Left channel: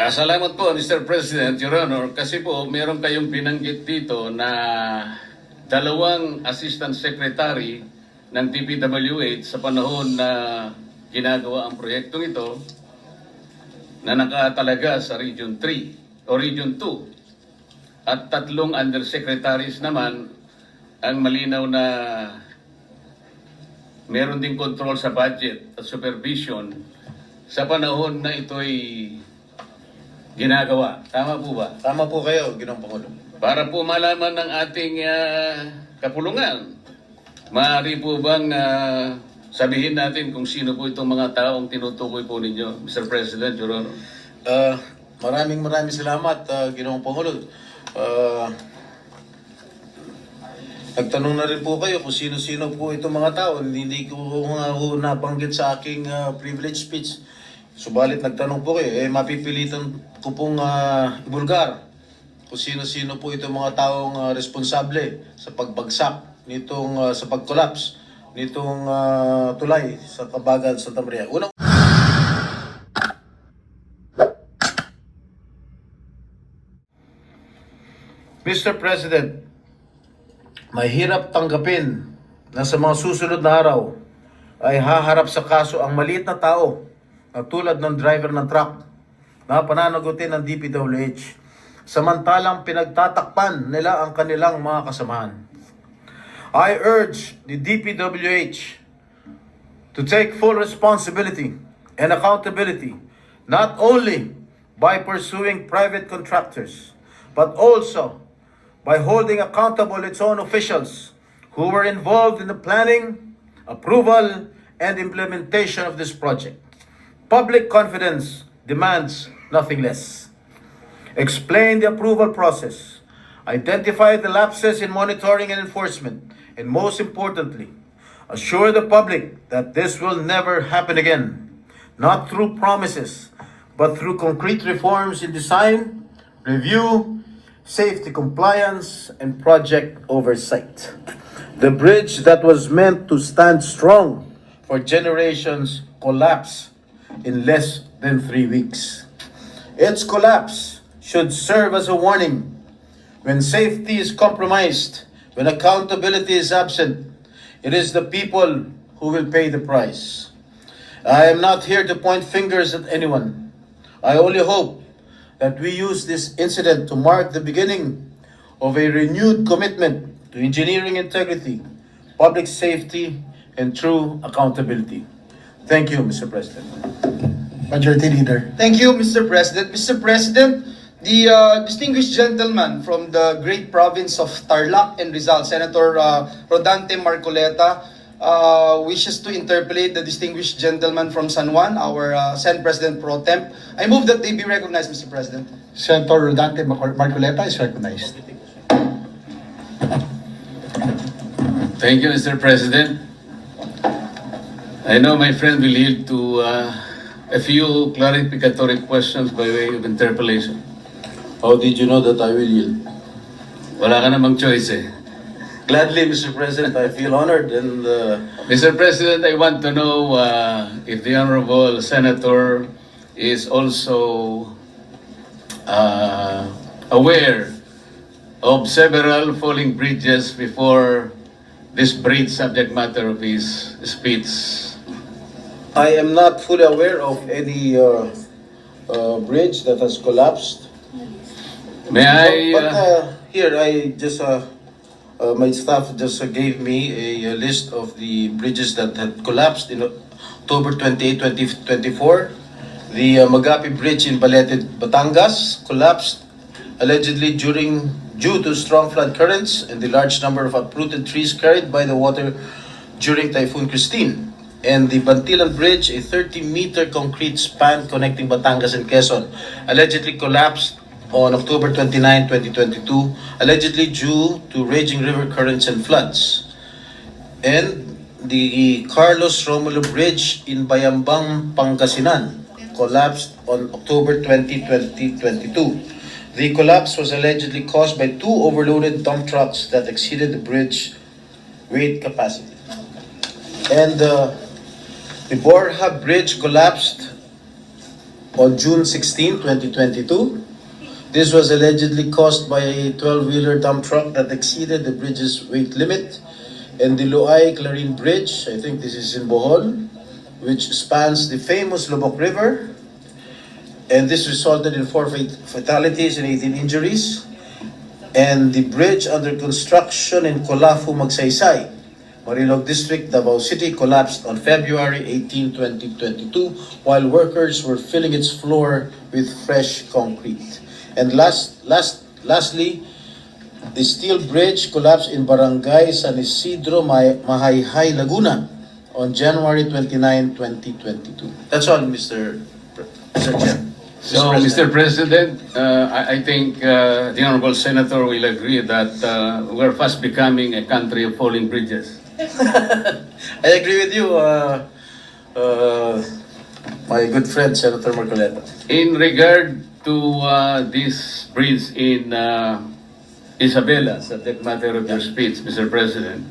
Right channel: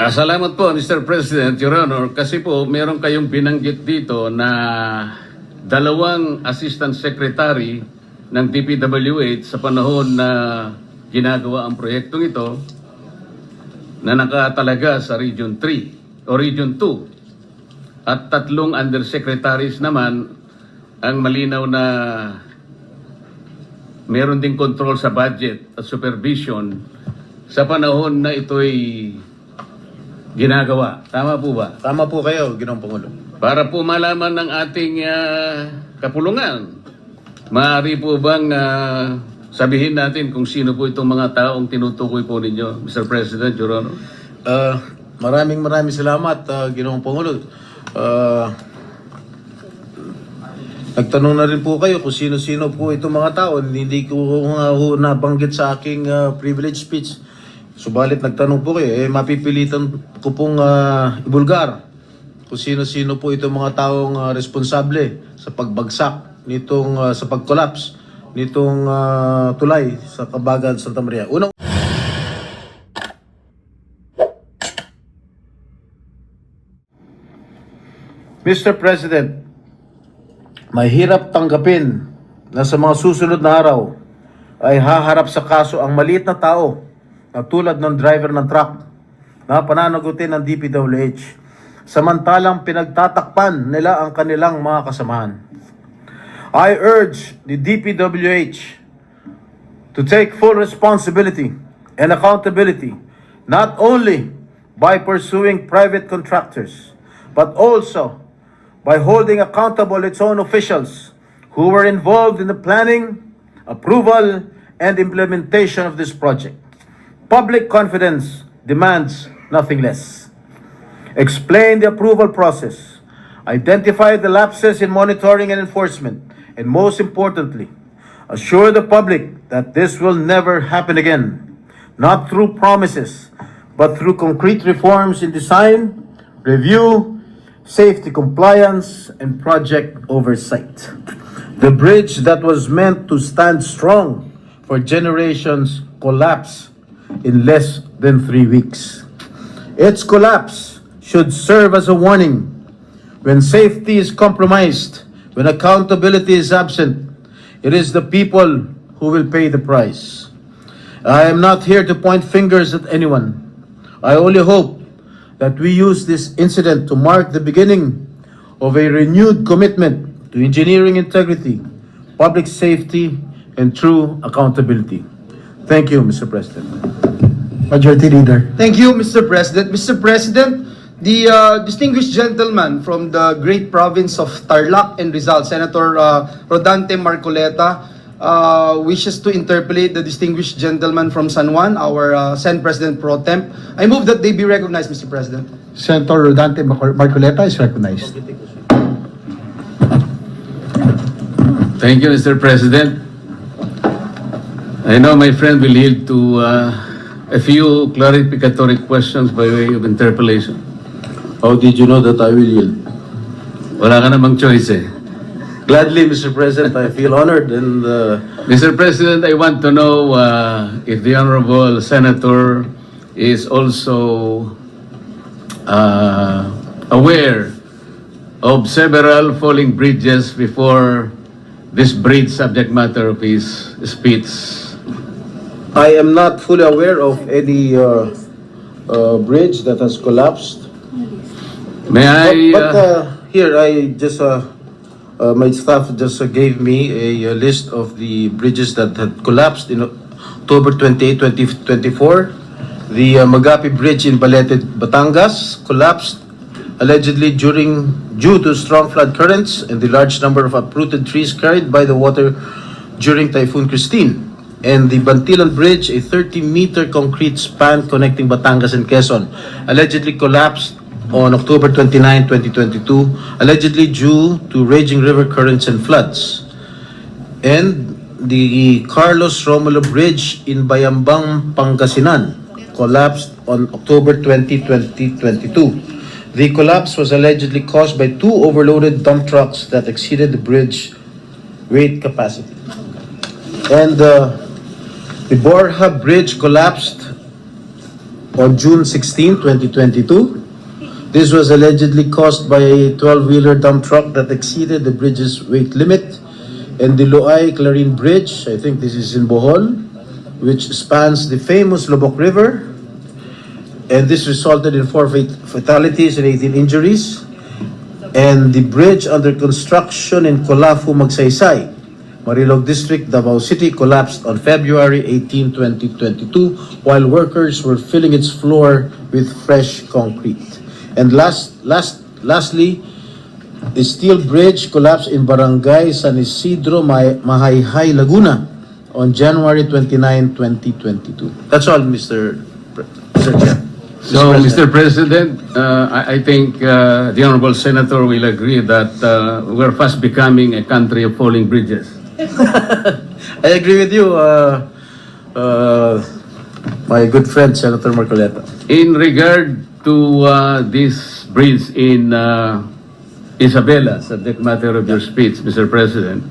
Salamat po, Mr. President, Your Honor, kasi po meron kayong binanggit dito na dalawang Assistant Secretary ng DPWH sa panahon na ginagawa ang proyektong ito na nakatalaga sa Region 3 o Region 2 at tatlong Undersecretaries naman ang malinaw na meron ding control sa budget at supervision sa panahon na ito'y ginagawa. Tama po ba? Tama po kayo, Ginoong Pangulo. Para po malaman ng ating kapulungan, maaari po bang sabihin natin kung sino po itong mga taong tinutukoy po ninyo, Mr. President, Your Honor? Maraming salamat, Ginoong Pangulo. Nagtanong na rin po kayo kung sino-sino po itong mga tao. Hindi ko nga nabanggit sa aking privilege speech. Subalit nagtanong po kayo, mapipilitan ko pong ibulgar kung sino-sino po itong mga taong responsable sa pagbagsak nitong, sa pag-collapse nitong tulay sa Kabagan, Santa Maria. Unang Mr. President, mahirap tanggapin na sa mga susunod na araw ay haharap sa kaso ang maliit na tao na tulad ng driver ng truck na pananagutin ng DPWH samantalang pinagtatakpan nila ang kanilang mga kasamahan. I urge the DPWH to take full responsibility and accountability not only by pursuing private contractors but also by holding accountable its own officials who were involved in the planning, approval, and implementation of this project. Public confidence demands nothing less. Explain the approval process, identify the lapses in monitoring and enforcement, and most importantly, assure the public that this will never happen again, not through promises, but through concrete reforms in design, review, safety compliance, and project oversight. The bridge that was meant to stand strong for generations collapsed in less than 3 weeks. Its collapse should serve as a warning. When safety is compromised, when accountability is absent, it is the people who will pay the price. I am not here to point fingers at anyone. I only hope that we use this incident to mark the beginning of a renewed commitment to engineering integrity, public safety, and true accountability. Thank you, Mr. President. Majority Leader. Thank you, Mr. President. Mr. President, the distinguished gentleman from the great province of Tarlac and Rizal, Senator Rodante Marcoleta, wishes to interpolate the distinguished gentleman from San Juan, our Senate President Pro Temp. I move that they be recognized, Mr. President. Senator Rodante Marcoleta is recognized. Thank you, Mr. President. I know my friend will yield to a few clarificatory questions by way of interpolation. How did you know that I will yield? Wala ka namang choice eh. Gladly, Mr. President, I feel honored and Mr. President, I want to know if the Honorable Senator is also aware of several falling bridges before this bridge subject matter of his speech. I am not fully aware of any bridge that has collapsed. May I... Here, I just my staff just gave me a list of the bridges that had collapsed in October 28, 2024. The Magapi Bridge in Balete, Batangas collapsed allegedly due to strong flood currents and the large number of uprooted trees carried by the water during Typhoon Christine. And the Bantilan Bridge, a 30-meter concrete span connecting Batangas and Quezon, allegedly collapsed on October 29, 2022, allegedly due to raging river currents and floods. And the Carlos Romulo Bridge in Bayambang, Pangasinan collapsed on October 20, 2022. The collapse was allegedly caused by 2 overloaded dump trucks that exceeded the bridge weight capacity. And the Borja Bridge collapsed on June 16, 2022. This was allegedly caused by a 12-wheeler dump truck that exceeded the bridge's weight limit, and the Loay-Clarin Bridge, I think this is in Bohol, which spans the famous Lubok River, and this resulted in 4 fatalities and 18 injuries. And the bridge under construction in Colafu, Magsaysay, Marilog District, Davao City, collapsed on February 18, 2022, while workers were filling its floor with fresh concrete. And lastly, the steel bridge collapsed in Barangay San Isidro, Mahayhay, Laguna on January 29, 2022. That's all, Mr. Chair. So, Mr. President, I think the Honorable Senator will agree that we're fast becoming a country of falling bridges. I agree with you, my good friend, Senator Marcoleta. In regard to this bridge in Isabela, subject matter of your speech, Mr. President,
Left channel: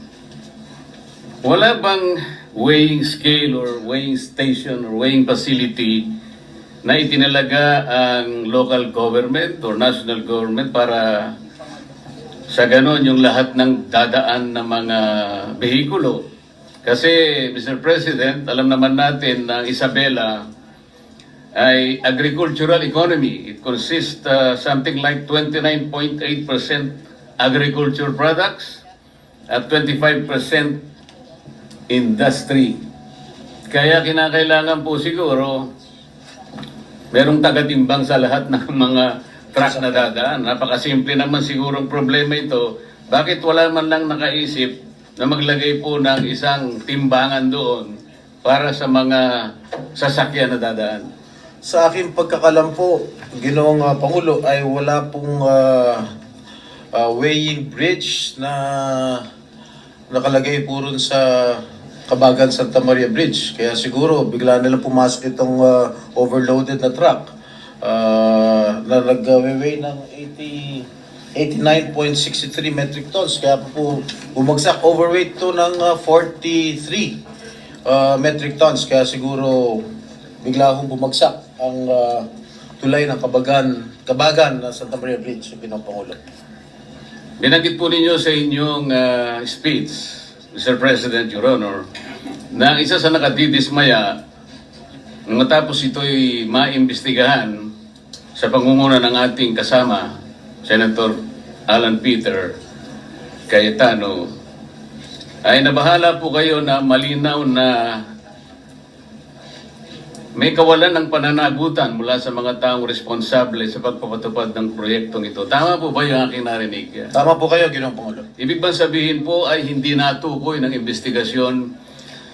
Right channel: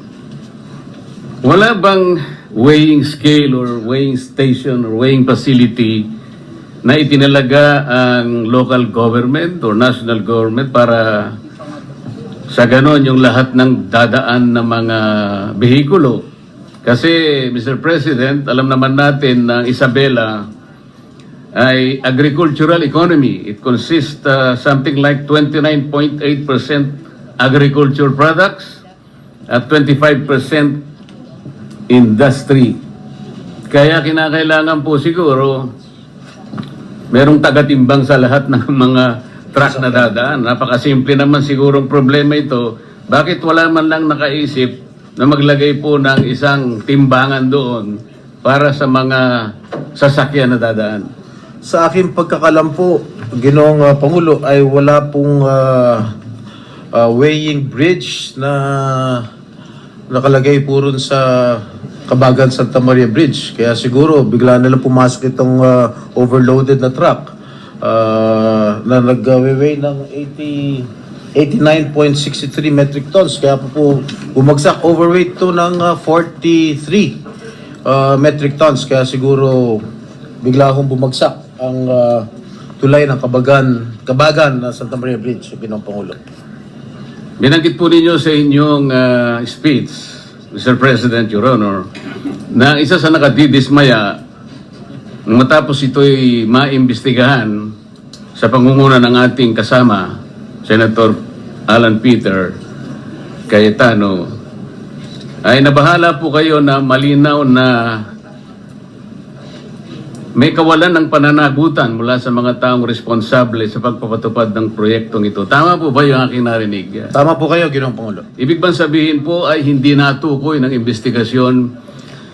wala bang weighing scale or weighing station or weighing facility na itinalaga ang local government or national government para sa ganon yung lahat ng dadaan ng mga behikulo? Kasi, Mr. President, alam naman natin na Isabela ay agricultural economy. It consists something like 29.8% agriculture products at 25% industry. Kaya kinakailangan po siguro merong tagatimbang sa lahat ng mga truck na dadaan. Napakasimple naman sigurong problema ito. Bakit wala man lang nakaisip na maglagay po ng isang timbangan doon para sa mga sasakyan na dadaan? Sa aking pagkakalam po, Ginoong Pangulo, ay wala pong weighing bridge na nakalagay po rin sa Kabagan Santa Maria Bridge. Kaya siguro bigla nila pumasok itong overloaded na truck na nag-weigh ng 89.63 metric tons. Kaya po bumagsak, overweight to ng 43 metric tons. Kaya siguro bigla akong bumagsak ang tulay ng Kabagan na Santa Maria Bridge, Ginoong Pangulo. Binanggit po ninyo sa inyong speech, Mr. President, Your Honor, na isa sa nakadidismaya matapos ito'y maimbestigahan sa pangunguna ng ating kasama, Senator Alan Peter Cayetano, ay nabahala po kayo na malinaw na may kawalan ng pananagutan mula sa mga taong responsable sa pagpapatupad ng proyektong ito. Tama po ba yung aking narinig? Tama po kayo, Ginoong Pangulo. Ibig bang sabihin po ay hindi natukoy ng investigasyon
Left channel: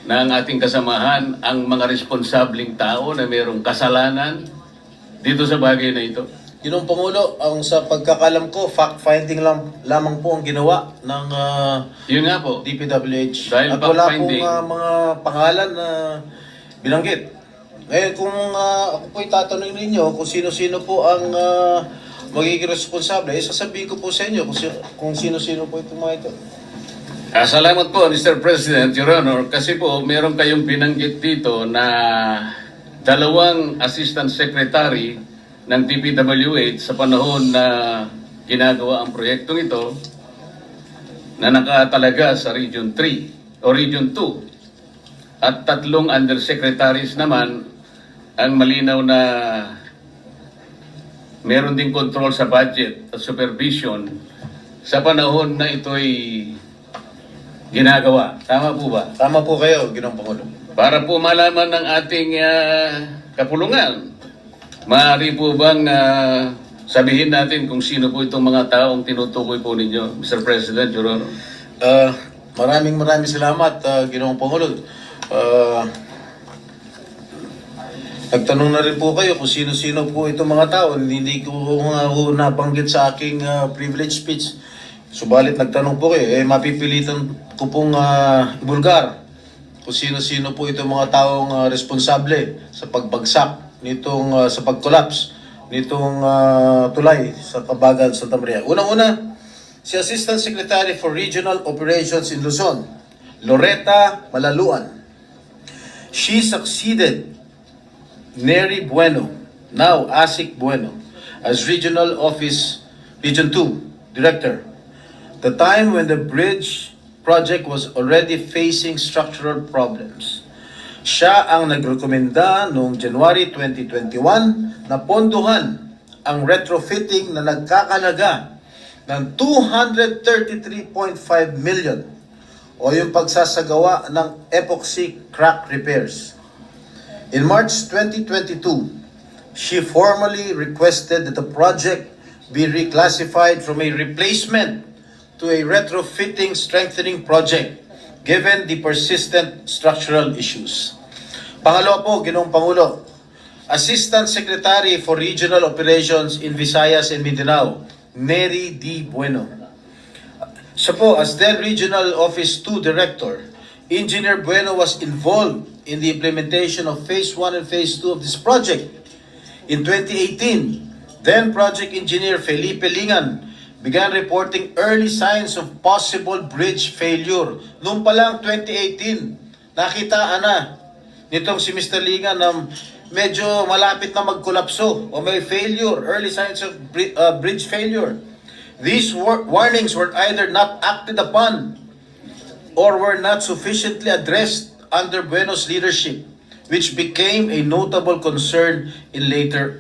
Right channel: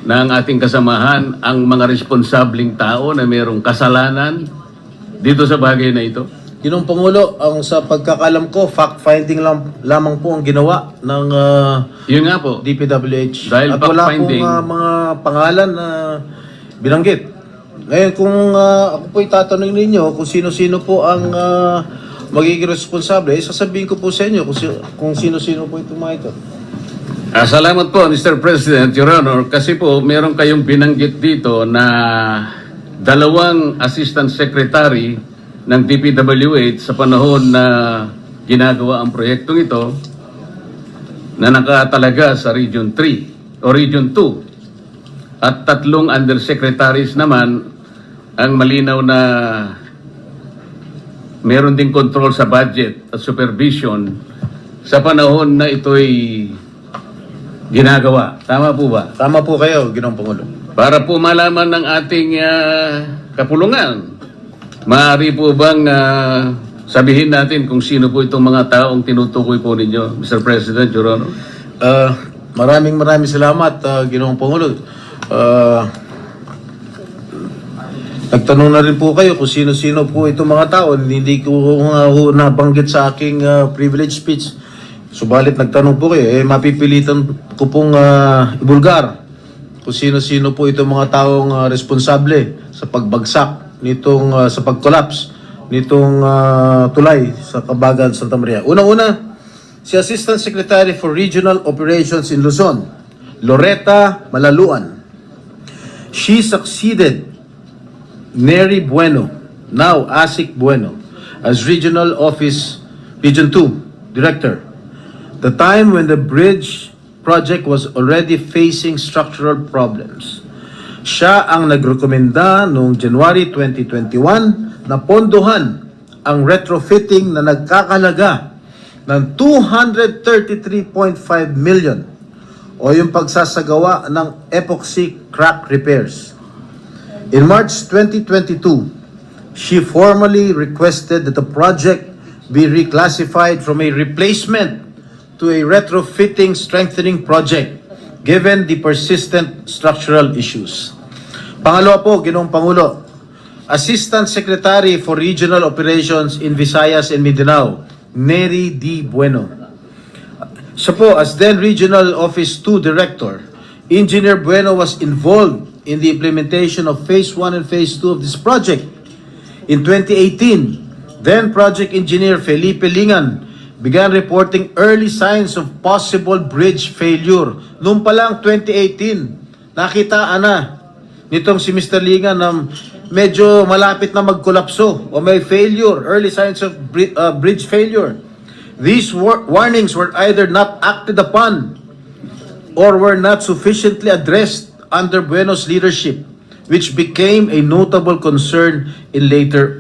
ng ating kasamahan ang mga responsabling tao na mayroong kasalanan dito sa bagay na ito? Ginoong Pangulo, ang sa pagkakalam ko, fact-finding lamang po ang ginawa ng Yun nga po. DPWH. Dahil At wala fact-finding, pong mga pangalan na binanggit. Ngayon, kung ako po'y tatanungin ninyo kung sino-sino po ang magiging responsable, sasabihin ko po sa inyo kung sino-sino po itong mga ito. Salamat po, Mr. President, Your Honor, kasi po meron kayong binanggit dito na dalawang Assistant Secretary ng DPWH sa panahon na ginagawa ang proyektong ito na nakatalaga sa Region 3 o Region 2 at 3 undersecretaries naman ang malinaw na meron ding control sa budget at supervision sa panahon na ito'y ginagawa. Tama po ba? Tama po kayo, Ginoong Pangulo. Para po malaman ng ating kapulungan, maaari po bang sabihin natin kung sino po itong mga taong tinutukoy po ninyo, Mr. President, Your Honor? Maraming salamat, Ginoong Pangulo. Nagtanong na rin po kayo kung sino-sino po itong mga tao. Hindi ko nabanggit sa aking privilege speech. Subalit nagtanong po kayo, mapipilitan ko pong ibulgar kung sino-sino po itong mga taong responsable sa pagbagsak nitong, sa pag-collapse nitong tulay sa Kabagan, Santa Maria. Una-una, si Assistant Secretary for Regional Operations in Luzon, Loretta Malaluan. She succeeded Neri Bueno now Asik Bueno, as Regional 2 Director, the time when the bridge project was already facing structural problems. Siya ang nagrekomenda noong January 2021 na pondohan ang retrofitting na nagkakalaga ng 233.5 million o yung pagsasagawa ng epoxy crack repairs. In March 2022, she formally requested that the project be reclassified from a replacement to a retrofitting strengthening project given the persistent structural issues. Pangalawa po, Ginoong Pangulo, Assistant Secretary for Regional Operations in Visayas and Mindanao, Neri D. Bueno. Siya po, as then Regional Office 2 Director, Engineer Bueno was involved in the implementation of Phase 1 and Phase 2 of this project. In 2018, then Project Engineer Felipe Lingan began reporting early signs of possible bridge failure. Noong pa lang 2018, nakitaan na nitong si Mr. Lingan ng medyo malapit na magkolapso o may failure, early signs of bridge failure. These warnings were either not acted upon or were not sufficiently addressed under Bueno's leadership, which became a notable concern in later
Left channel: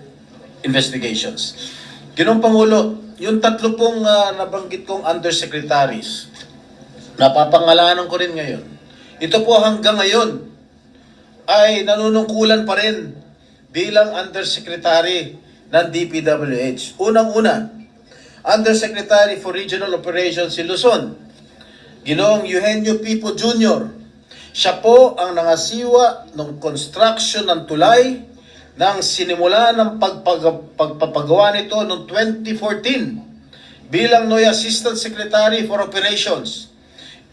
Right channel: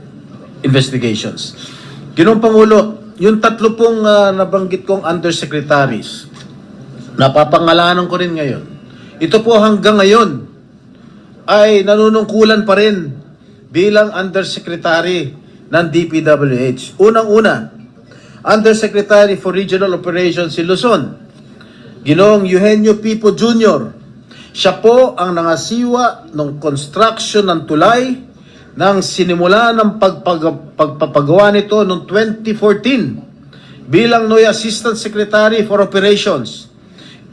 investigations. Ginoong Pangulo, yung tatlo pong nabanggit kong undersecretaries, napapangalanan ko rin ngayon. Ito po hanggang ngayon ay nanunungkulan pa rin bilang undersecretary ng DPWH. Unang-una, Undersecretary for Regional Operations si Luzon, Ginoong Eugenio Pipo Jr. Siya po ang nangasiwa ng construction ng tulay nang sinimula ng pagpapagawa nito noong 2014 bilang NOY Assistant Secretary for Operations.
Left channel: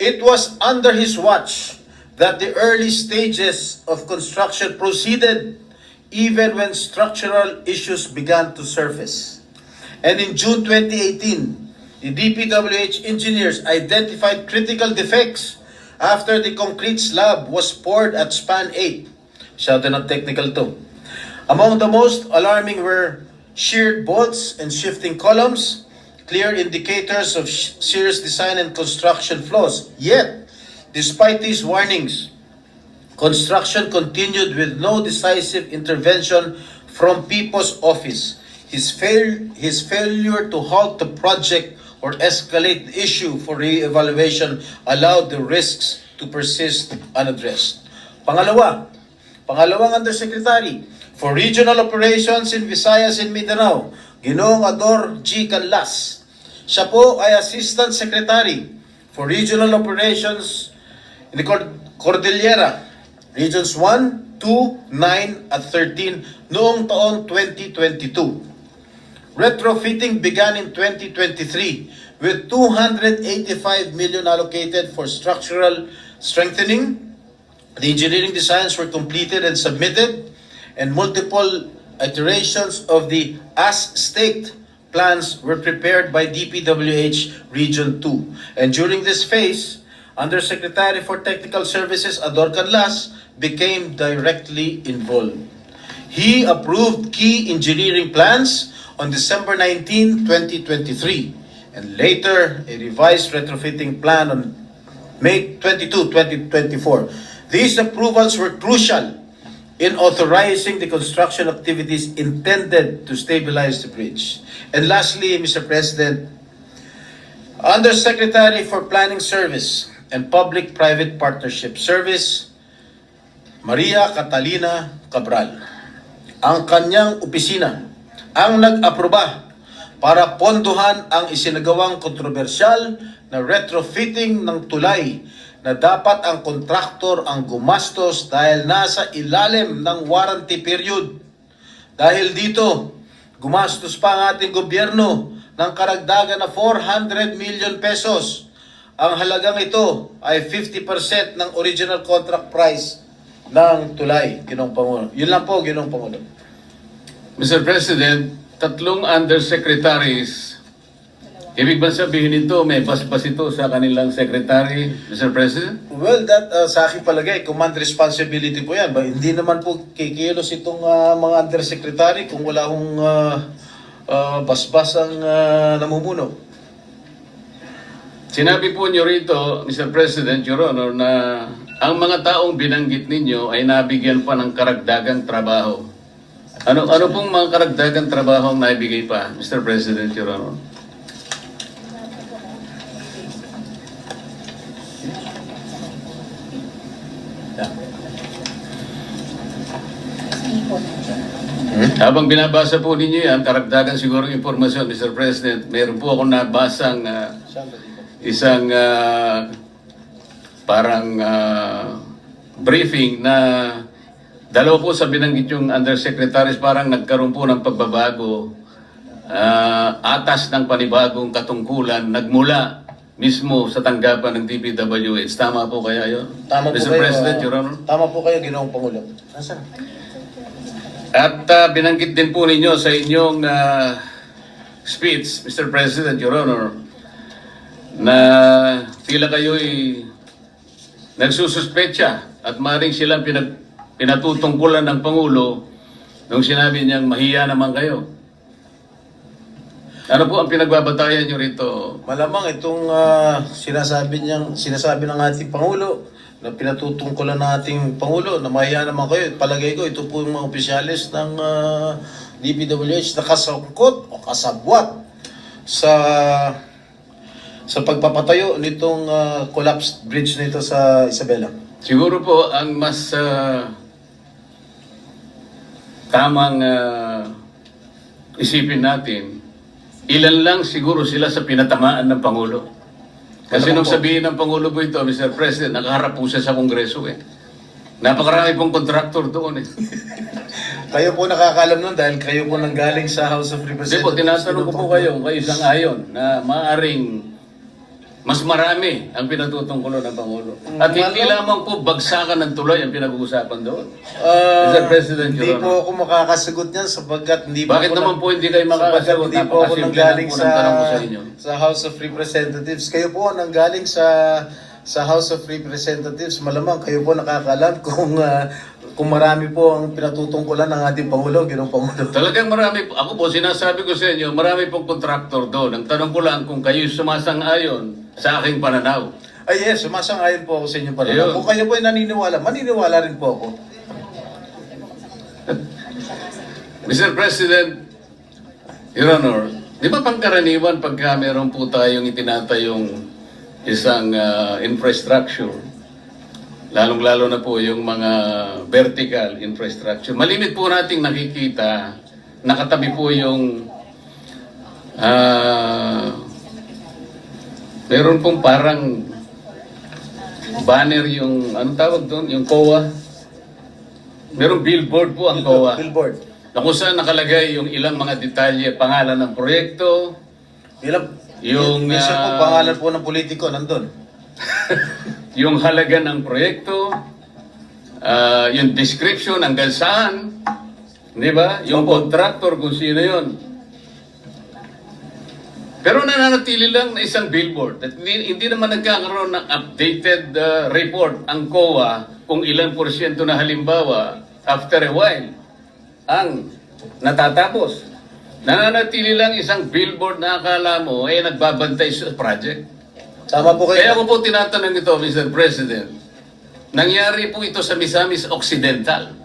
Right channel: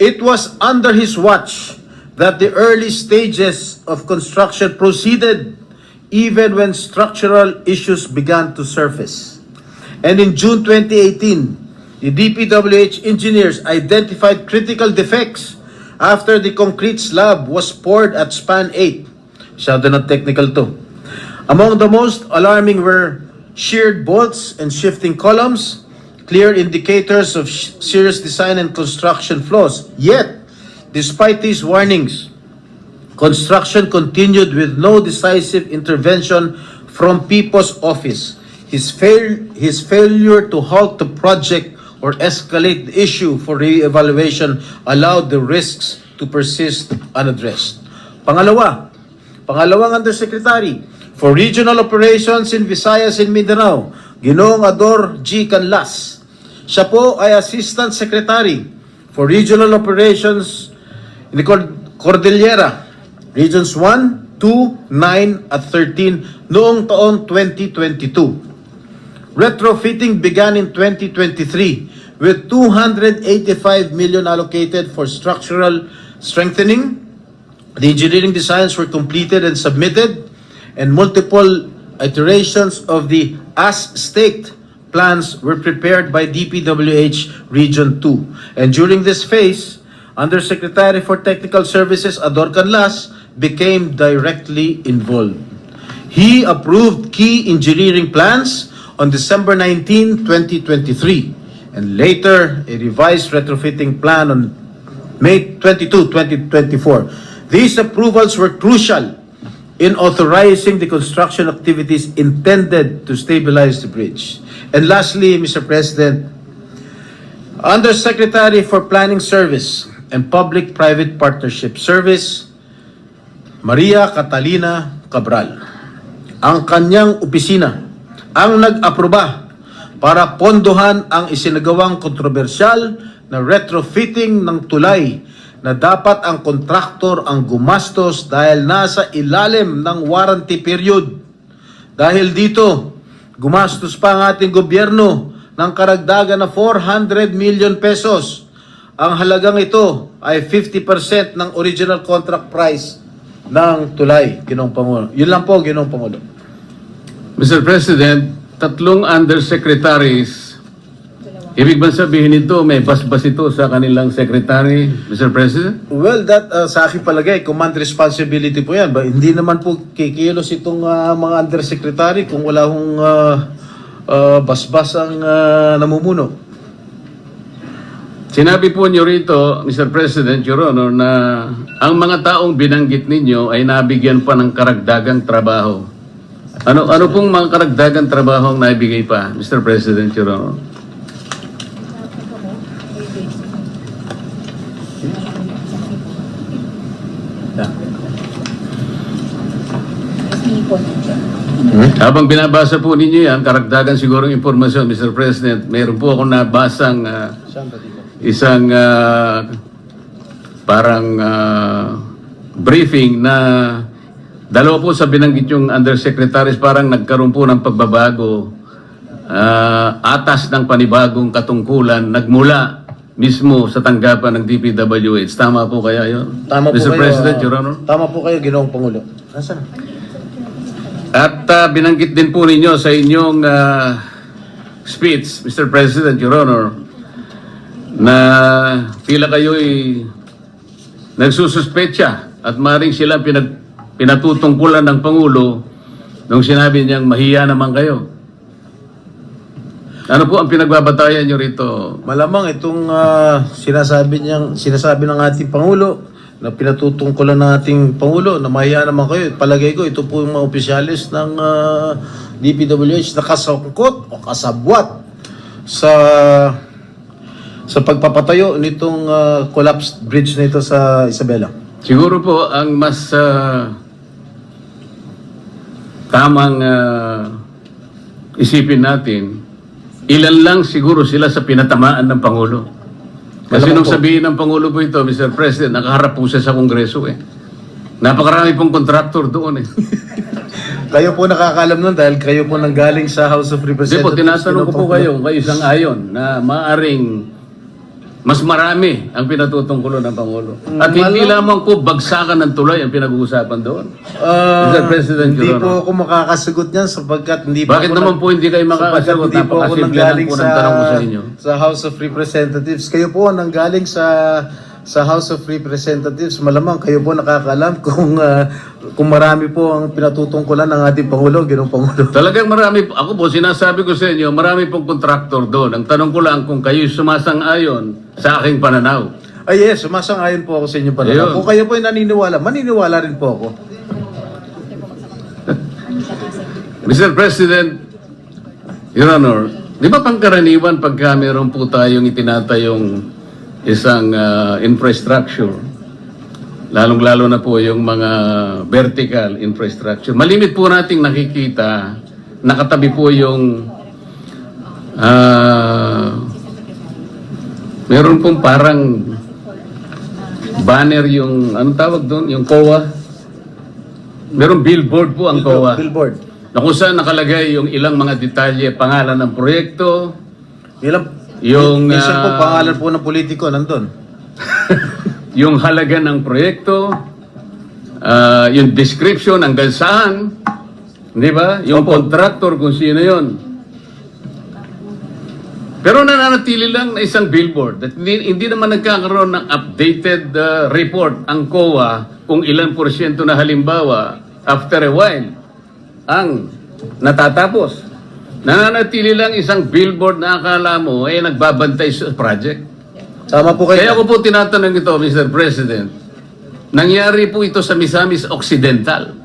It was under his watch that the early stages of construction proceeded even when structural issues began to surface. And in June 2018, the DPWH engineers identified critical defects after the concrete slab was poured at span 8. Masyado na technical to. Among the most alarming were sheared bolts and shifting columns, clear indicators of serious design and construction flaws. Yet, despite these warnings, construction continued with no decisive intervention from Pipo's office. His failure to halt the project or escalate the issue for re-evaluation allowed the risks to persist unaddressed. Pangalawang Undersecretary for Regional Operations in Visayas and Mindanao, Ginoong Ador G. Canlas. Siya po ay Assistant Secretary for Regional Operations in the Cordillera, Regions 1, 2, 9 at 13 noong taong 2022. Retrofitting began in 2023 with 285 million allocated for structural strengthening. The engineering designs were completed and submitted, and multiple iterations of the as-staked plans were prepared by DPWH Region 2. And during this phase, Undersecretary for Technical Services Ador Canlas became directly involved. He approved key engineering plans on December 19, 2023, and later a revised retrofitting plan on May 22, 2024. These approvals were crucial in authorizing the construction activities intended to stabilize the bridge. And lastly, Mr. President, Undersecretary for Planning Service and Public-Private Partnership Service, Maria Catalina Cabral. Ang kanyang opisina ang nag-aproba para pondohan ang isinagawang kontrobersyal na retrofitting ng tulay na dapat ang kontraktor ang gumastos dahil nasa ilalim ng warranty period. Dahil dito, gumastos pa ang ating gobyerno ng karagdagan na 400 million pesos. Ang halagang ito ay 50% ng original contract price ng tulay, Ginoong Pangulo. Yun lang po, Ginoong Pangulo. Mr. President, tatlong undersecretaries Ibig ba sabihin nito, may basbas ito sa kanilang secretary, Mr. President? Well, that sa aking palagay, command responsibility po yan. Hindi naman po kikilos itong mga undersecretary kung wala hong basbas ang namumuno. Sinabi po niyo rito, Mr. President, Your Honor, na ang mga taong binanggit ninyo ay nabigyan pa ng karagdagang trabaho. Ano pong mga karagdagang trabaho ang naibigay pa, Mr. President, Your Honor? Habang binabasa po ninyo yan, karagdagan siguro impormasyon, Mr. President, meron po akong nabasang isang parang briefing na dalawa po sa binanggit yung undersecretaries parang nagkaroon po ng pagbabago, atas ng panibagong katungkulan, nagmula mismo sa tanggapan ng DPWH. Tama po kaya yun? Tama po Mr. kayo, President, Your Honor? Tama po kayo, Ginoong Pangulo. Nasaan? At binanggit din po ninyo sa inyong speech, Mr. President, Your Honor, na tila kayo'y nagsususpetsa at maring silang pinatutungkulan ng Pangulo nung sinabi niyang mahiya naman kayo. Ano po ang pinagbabatayan niyo rito? Malamang itong sinasabi ng ating Pangulo na pinatutungkulan ng ating Pangulo na mahiya naman kayo. Palagay ko, ito po yung mga opisyalis ng DPWH na kasangkot o kasabwat sa pagpapatayo nitong collapsed bridge na ito sa Isabela. Siguro po ang mas tamang isipin natin, ilan lang siguro sila sa pinatamaan ng Pangulo. Kasi nung sabihin ng Pangulo po ito, Mr. President, nakaharap po siya sa Kongreso eh. Napakarami pong contractor doon eh. Kayo po nakakaalam nun dahil kayo po nanggaling sa House of Hindi Representatives. po, tinatanong ko po kayo isang ayon na maaring mas marami ang pinatutungkulo ng Pangulo. At hindi lamang po bagsakan ng tuloy ang pinag-uusapan doon. Mr. President, Hindi Your po Honor. ako makakasagot niyan sapagkat hindi po Bakit ako naman po hindi kayo makakasagot? Hindi po ako Napakasimple lang nanggaling po ng tanong ko sa inyo. sa House of Representatives. Kayo po ang nanggaling sa House of Representatives. Malamang kayo po nakakaalam kung marami po ang pinatutungkulan ng ating Pangulo, Ginoong Pangulo. Talagang marami po. Ako po, sinasabi ko sa inyo, marami pong contractor doon. Ang tanong ko lang kung kayo sumasang-ayon sa aking pananaw. Ay yes, sumasang-ayon po ako sa inyo pananaw. Ayun. Kung kayo po ay naniniwala, maniniwala rin po ako. Mr. President, Your Honor, di ba pangkaraniwan pagka meron po tayong itinatayong isang infrastructure, lalong-lalo na po yung mga vertical infrastructure, malimit po nating nakikita, nakatabi po yung meron pong parang banner yung, anong tawag doon? Yung COA. Meron billboard po ang COA. Billboard. Na kung saan nakalagay yung ilang mga detalye, pangalan ng proyekto, yung Minsan po pangalan po ng politiko nandun. yung halaga ng proyekto, yung description hanggang saan, di ba? Yung contractor kung sino yon. Pero nananatili lang na isang billboard. At hindi naman nagkakaroon ng updated report ang COA kung ilang porsyento na halimbawa after a while ang natatapos. Nananatili lang isang billboard na akala mo ay nagbabantay sa project. Tama po kayo. Kaya ko po tinatanong ito, Mr. President, nangyari po ito sa Misamis Occidental.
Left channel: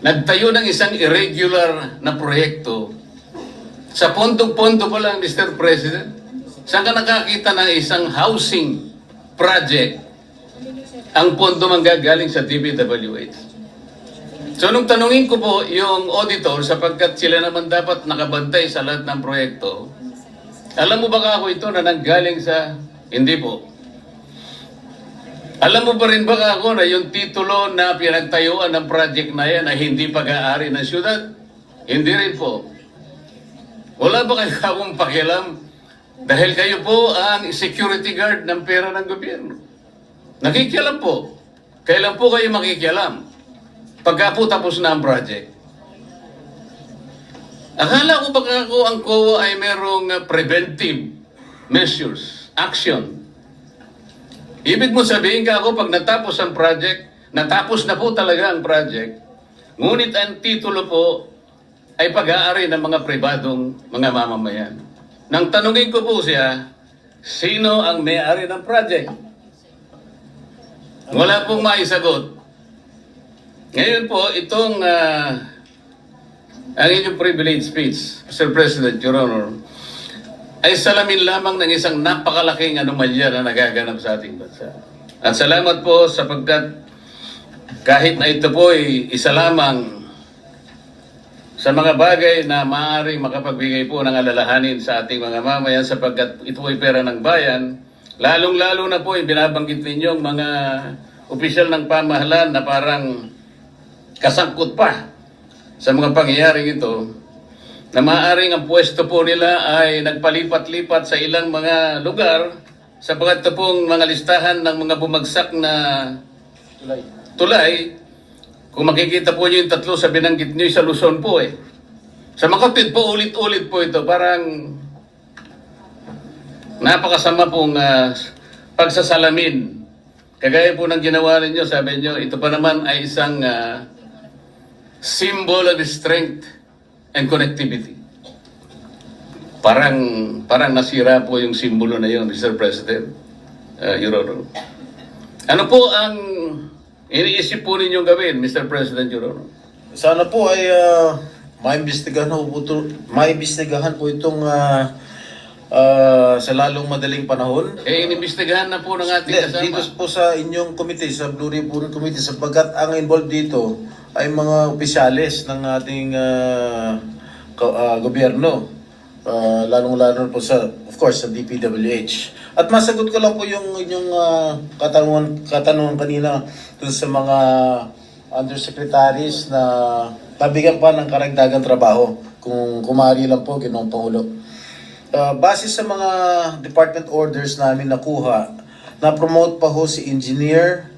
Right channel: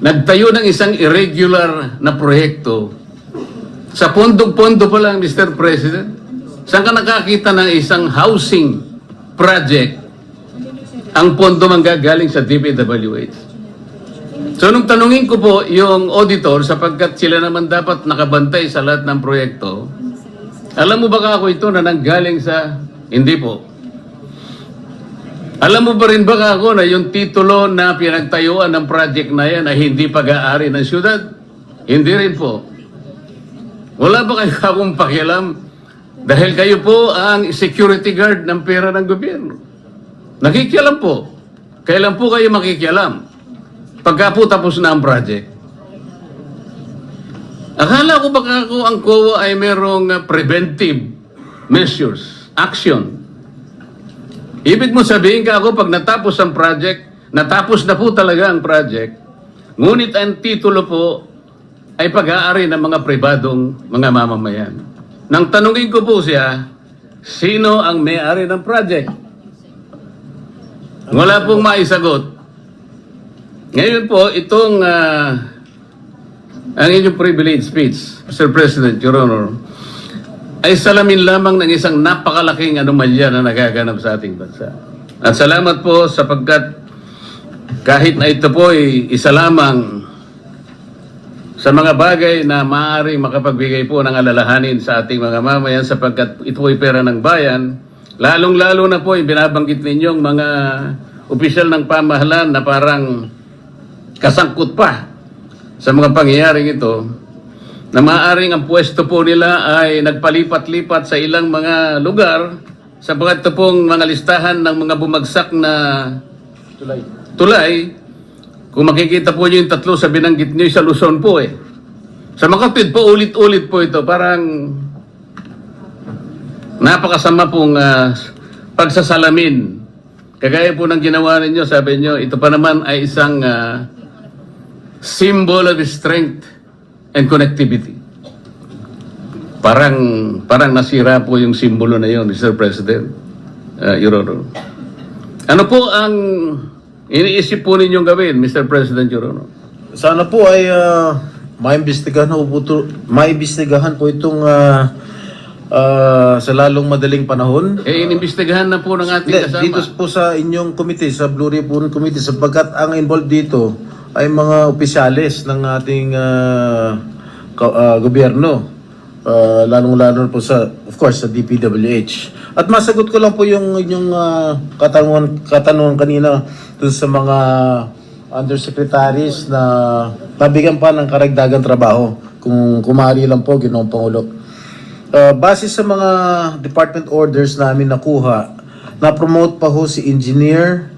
Nagtayo ng isang irregular na proyekto. Sa pondo-pondo pa lang, Mr. President, saan ka nakakita ng isang housing project ang pondo manggagaling sa DPWH? So, nung tanungin ko po yung auditor, sapagkat sila naman dapat nakabantay sa lahat ng proyekto, alam mo ba ako ito na nanggaling sa... Hindi po. Alam mo ba rin ba ako na yung titulo na pinagtayuan ng project na yan ay hindi pag-aari ng syudad? Hindi rin po. Wala ba kayo akong pakialam? Dahil kayo po ang security guard ng pera ng gobyerno. Nakikialam po. Kailan po kayo makikialam? Pagka po tapos na ang project. Akala ko baka ako ang COA ay merong preventive measures, action. Ibig mo sabihin ka ako, pag natapos ang project, natapos na po talaga ang project, ngunit ang titulo po ay pag-aari ng mga pribadong mga mamamayan. Nang tanungin ko po siya, sino ang may-ari ng project? Wala pong maisagot. Ngayon po, itong ang inyong privilege speech, Mr. President, Your Honor, ay salamin lamang ng isang napakalaking anomalya na nagaganap sa ating bansa. At salamat po sapagkat kahit na ito po ay isa lamang sa mga bagay na maaaring makapagbigay po ng alalahanin sa ating mga mamayan sapagkat ito ay pera ng bayan, lalong-lalo na po ay binabanggit ninyong mga opisyal ng pamahalaan na parang kasangkot pa sa mga pangyayaring ito, na maaaring ang pwesto po nila ay nagpalipat-lipat sa ilang mga lugar sapagkat ito pong mga listahan ng mga bumagsak na tulay. Kung makikita po nyo yung tatlo sa binanggit nyo sa Luzon po eh. Sa Makatwid po, ulit-ulit po ito. Parang napakasama pong pagsasalamin. Kagaya po ng ginawa ninyo, sabi nyo, ito pa naman ay isang symbol of strength and connectivity. Parang nasira po yung simbolo na yun, Mr. President, Your Honor. Ano po ang iniisip po ninyong gawin, Mr. President, Your Honor? Sana po ay maimbestigahan po itong sa lalong madaling panahon. Inimbestigahan na po ng ating kasama. Dito po sa inyong committee, sa Blue Ribbon Committee, sapagkat ang involved dito ay mga opisyalis ng ating gobyerno. Lalong-lalo po sa, of course, sa DPWH. At masagot ko lang po yung inyong katanungan kanina dun sa mga undersecretaries na nabigyan pa ng karagdagang trabaho. Kung kumari lang po, Ginoong Pangulo. Base sa mga department orders namin nakuha, na-promote pa ho si Engineer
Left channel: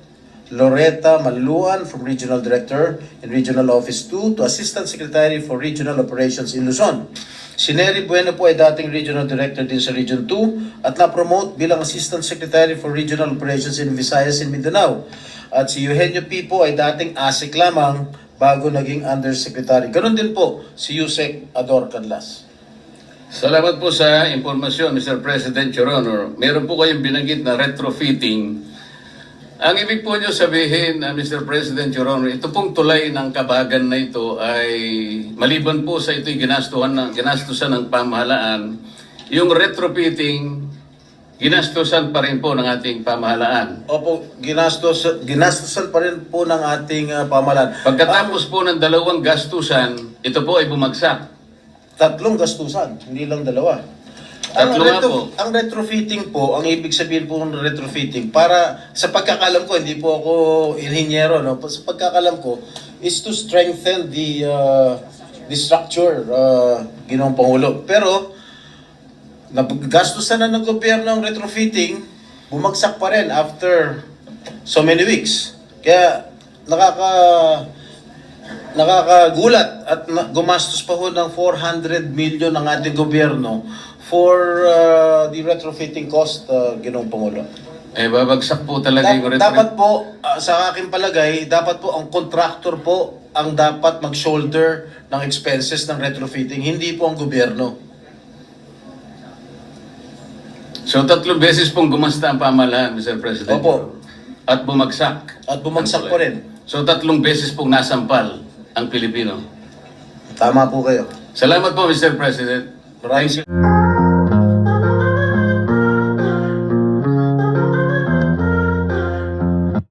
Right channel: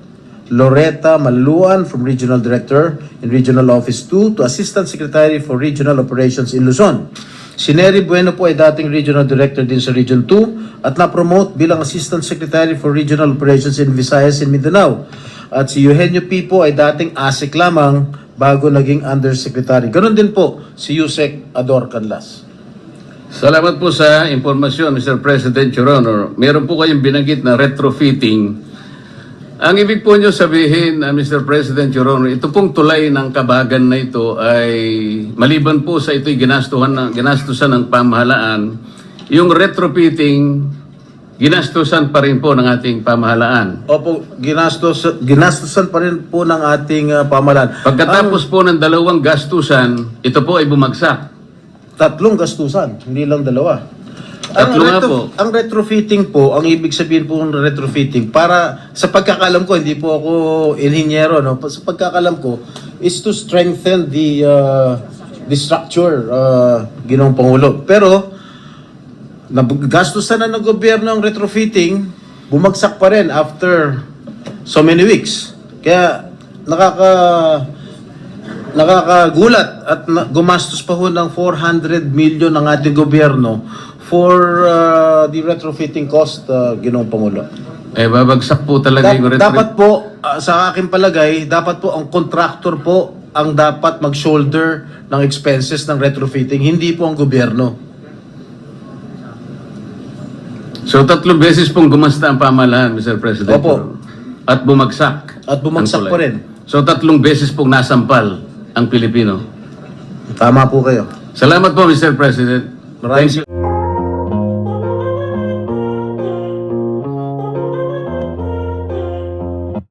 Loretta Maluan from Regional Director in Regional Office 2 to Assistant Secretary for Regional Operations in Luzon. Si Nery Bueno po ay dating Regional Director din sa Region 2 at na-promote bilang Assistant Secretary for Regional Operations in Visayas and Mindanao. At si Eugenio P. po ay dating ASEC lamang bago naging Undersecretary. Ganon din po si Yusek Ador Canlas. Salamat po sa impormasyon, Mr. President, Your Honor. Meron po kayong binanggit na retrofitting. Ang ibig po nyo sabihin, Mr. President, Your Honor, ito pong tulay ng Kabagan na ito ay maliban po sa ito'y ginastusan ng pamahalaan, yung retrofitting, ginastusan pa rin po ng ating pamahalaan. Opo, ginastusan pa rin po ng ating pamahalaan. Pagkatapos po ng dalawang gastusan, ito po ay bumagsak. Tatlong gastusan, hindi lang dalawa. Ang retrofitting po, ang ibig sabihin po ng retrofitting, para sa pagkakalam ko, hindi po ako inhinyero, no? Sa pagkakalam ko, is to strengthen the structure, Ginoong Pangulo. Pero, gastusan na ng gobyerno ang retrofitting, bumagsak pa rin after so many weeks. Kaya, nakakagulat at gumastos pa ho ng 400 million ng ating gobyerno for the retrofitting cost, Ginoong Pangulo. Babagsak po talaga yung retrofitting. Dapat po, sa aking palagay, dapat po ang contractor po ang dapat mag-shoulder ng expenses ng retrofitting, hindi po ang gobyerno. So, 3 beses pong gumasta ang pamahalaan, Mr. President. Opo. At bumagsak. At bumagsak ang tulay. pa rin. So, 3 beses pong nasampal ang Pilipino. Tama po kayo. Salamat po, Mr. President. Maraming Thank you.